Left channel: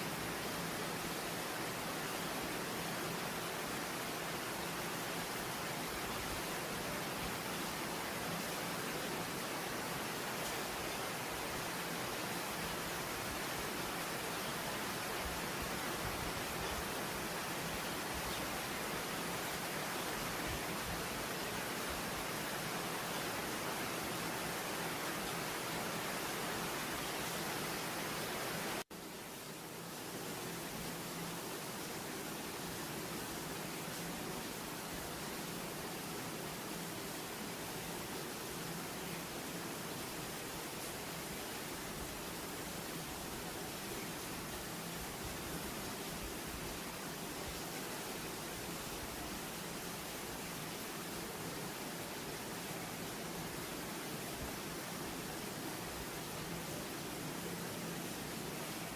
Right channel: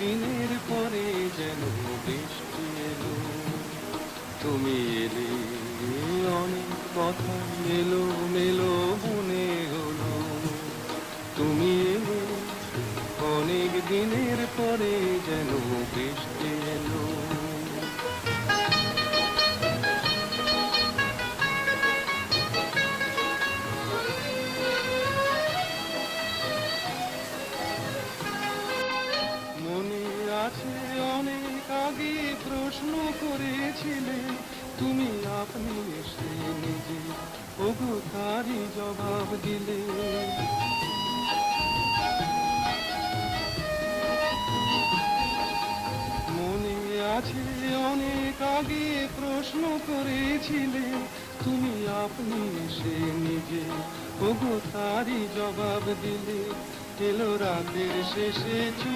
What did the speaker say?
দিনের পরে যেন বৃষ্টি এলো, তুমি এলে, অনেক কথা এলো মেলো মনে হলো। তুমি এলে, অনেক দিনের পরে যেন বৃষ্টি এলো। মনে আছে অনেক আগে প্রশ্ন করেছিলে তুমি, আপনি এসে নিজে ওগো তারই জবাব দিলে। মনে আছে অনেক আগে প্রশ্ন করেছিলে তুমি, আপনি এসে নিজে ওগো তারই জবাব দিলে। এলো রাতের শেষে